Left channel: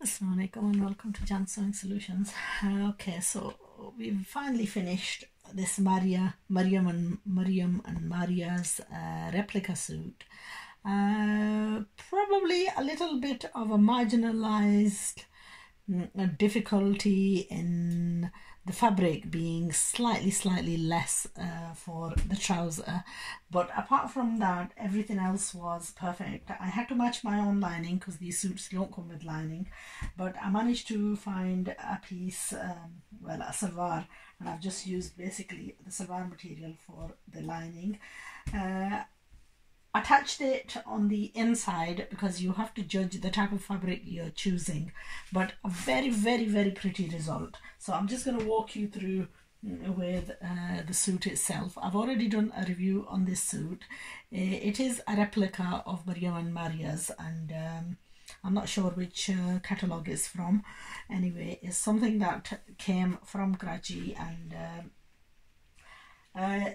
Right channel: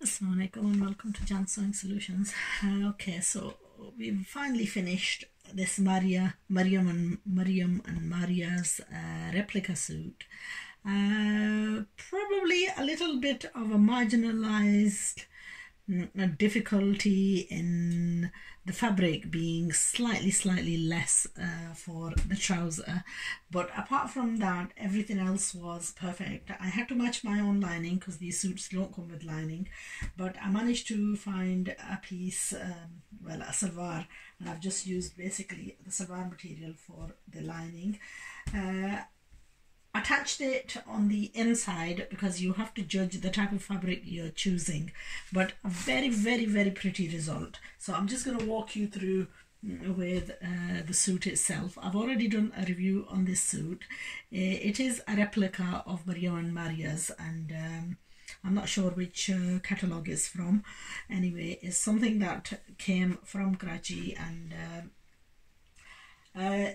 Assalamualaikum and welcome to Jan Sewing Solutions. Okay, so we've finally finished this Maryum and Maria's replica suit. Probably a little bit of a marginalized difficulty in the fabric being slightly less for the trouser, but apart from that everything else was perfect. I had to match my own lining because these suits don't come with lining, but I managed to find a piece, well, a sharrara, and I've just used basically the sharrara material for the lining. Attached it on the inside because you have to judge the type of fabric you're choosing, but a very pretty result. So I'm just going to walk you through with the suit itself. I've already done a review on this suit. It is a replica of Maryum N Maria's, and I'm not sure which catalogue it's from. Anyway, it's something that came from Karachi, and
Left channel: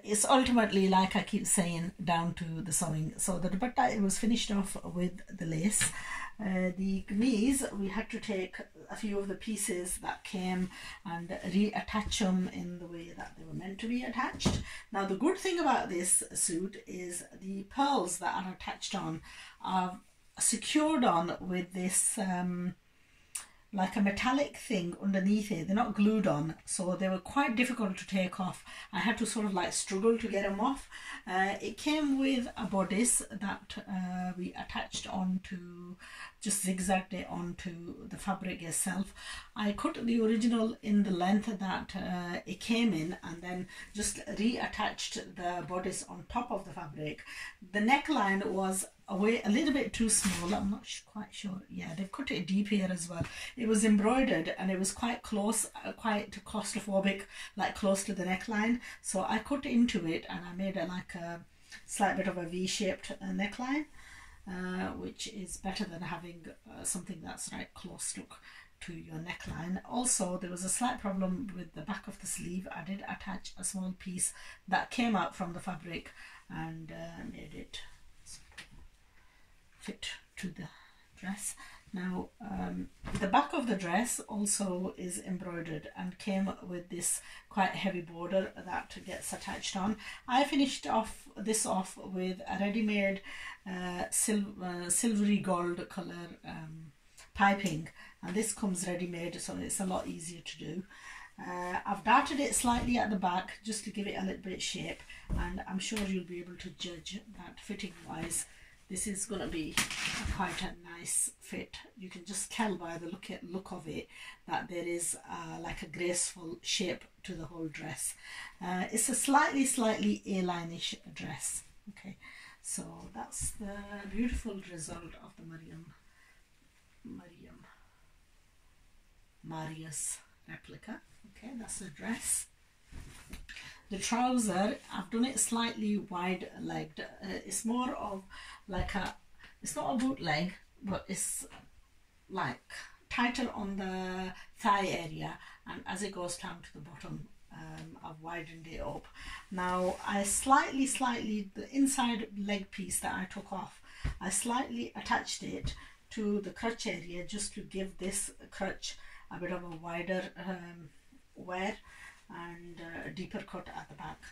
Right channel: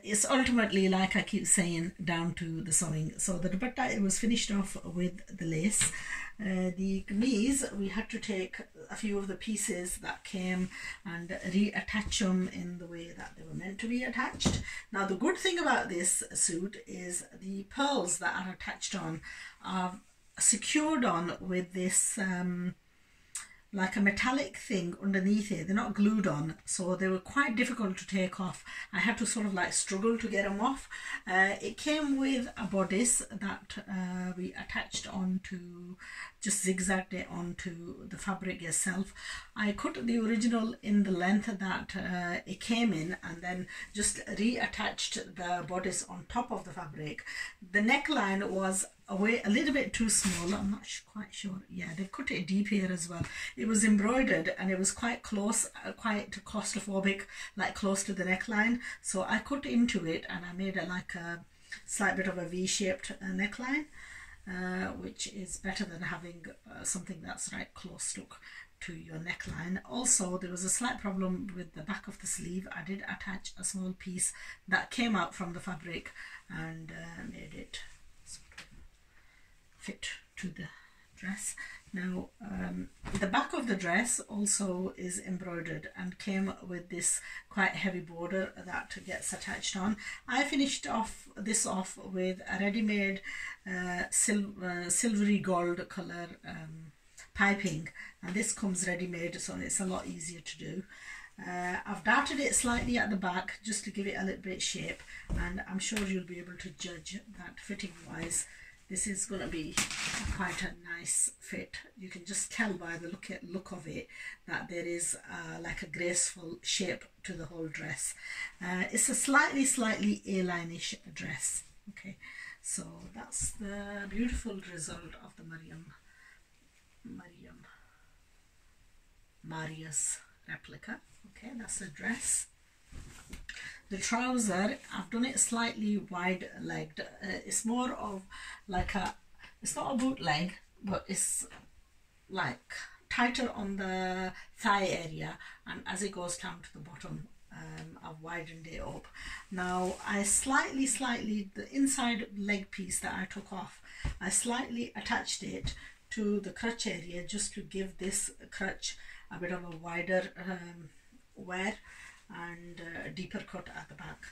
it's ultimately, like I keep saying, down to the sewing. So the dupatta, it was finished off with the lace. The kameez, we had to take a few of the pieces that came and reattach them in the way that they were meant to be attached. Now the good thing about this suit is the pearls that are attached on are secured on with this like a metallic thing underneath it. They're not glued on, so they were quite difficult to take off. I had to sort of like struggle to get them off. It came with a bodice that we attached onto, just zigzagged it onto the fabric itself. I cut the original in the length that it came in, and then just reattached the bodice on top of the fabric. The neckline was away a little bit too small. I'm not quite sure. Yeah, they've cut it deep here as well. It was embroidered and it was quite close, quite claustrophobic, like close to the neckline. So I cut into it and I made like a slight bit of a V-shaped neckline, which is better than having something that's right close stuck to your neckline. Also, there was a slight problem with the back of the sleeve. I did attach a small piece that came out from the fabric and made it fit to the dress. Now the back of the dress also is embroidered and came with this quite heavy border that gets attached on. I finished this off with a ready-made silvery gold color piping, and this comes ready-made, so it's a lot easier to do. I've darted it slightly at the back just to give it a little bit shape, and I'm sure you'll be able to judge that fitting wise. This is going to be quite a nice fit. You can just tell by the look of it that there is like a graceful shape to the whole dress. It's a slightly A-line-ish dress. Okay, so that's the beautiful result of the Maryum Maria's replica. Okay, that's the dress. The trouser, I've done it slightly wide-legged. It's more of like it's not a bootleg, but it's like tighter on the thigh area, and as it goes down to the bottom, I've widened it up. Now I slightly, the inside leg piece that I took off, I slightly attached it to the crotch area just to give this crotch a bit of a wider wear and a deeper cut at the back.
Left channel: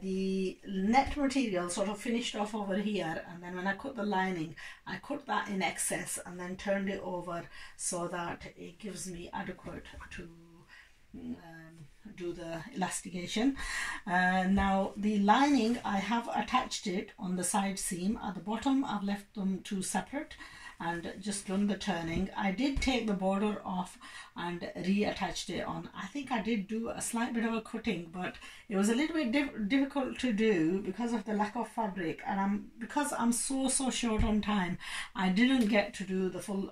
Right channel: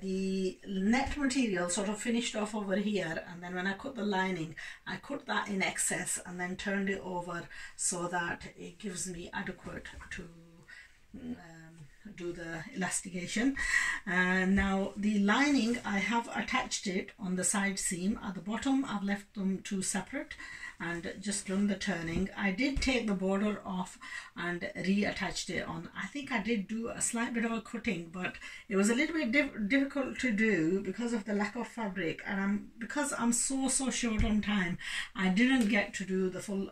The net material sort of finished off over here, and then when I cut the lining, I cut that in excess and then turned it over so that it gives me adequate to do the elastication. Now the lining, I have attached it on the side seam. At the bottom I've left them two separate and just done the turning. I did take the border off and reattached it on. I think I did do a slight bit of a cutting, but it was a little bit difficult to do because of the lack of fabric, and because I'm so short on time, I didn't get to do the full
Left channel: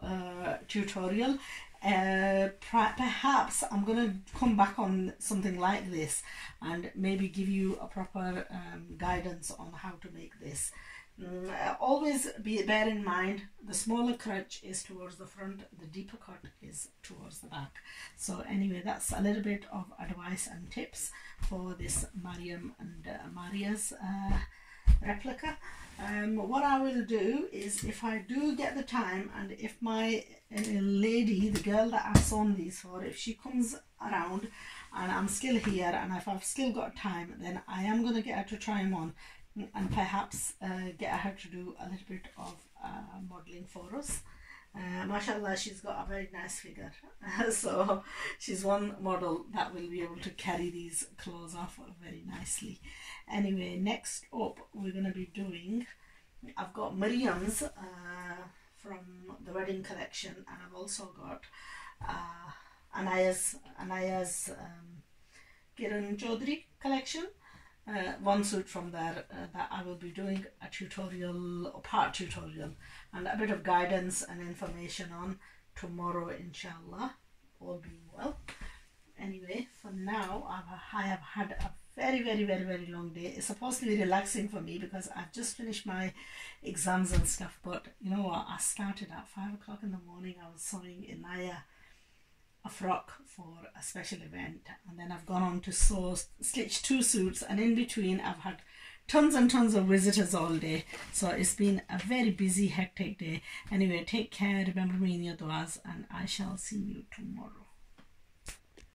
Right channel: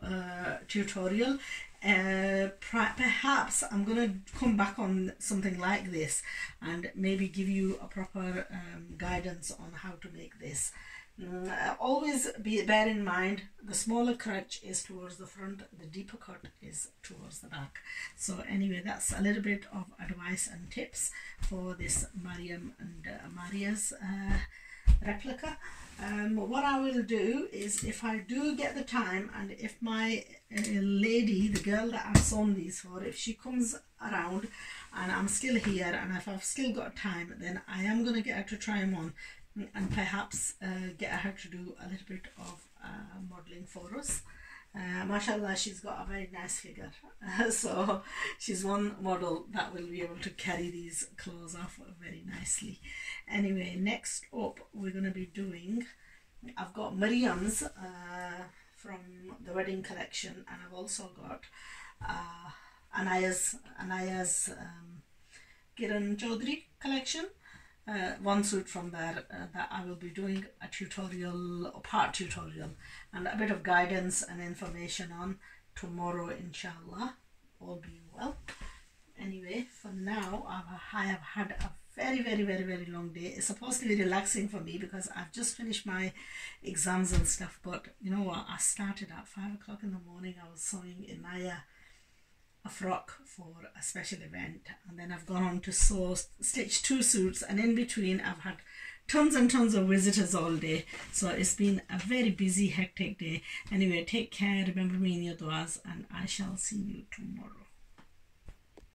tutorial. Perhaps I'm gonna come back on something like this and maybe give you a proper guidance on how to make this. Always bear in mind, the smaller crotch is towards the front, the deeper cut is towards the back. So anyway, that's a little bit of advice and tips for this Maryum and Maria's replica. What I will do is, if I do get the time, and if my lady, the girl that I've sewn these for, if she comes around and I'm still here and if I've still got time, then I am going to get her to try them on and perhaps get her to do a little bit of modelling for us. Mashallah, she's got a very nice figure, so she's one model that will be able to carry these clothes off very nicely. Anyway, next up we're going to be doing, I've got Maryum's from the wedding collection, and I've also got Anaya's Kiran Chaudhary collection. One suit from there that I will be doing a tutorial, a part tutorial, and a bit of guidance and information on tomorrow, inshallah, all being well. Anyway, for now I have had a very long day. It's supposed to be relaxing for me because I've just finished my exams and stuff, but you know what, I started at 5 o'clock in the morning. I was sewing Inaya a frock for a special event, and then I've gone on to stitch 2 suits, and in between I've had tons and tons of visitors all day, so it's been a very busy, hectic day. Anyway, take care, remember me in your duas, and I shall see you tomorrow.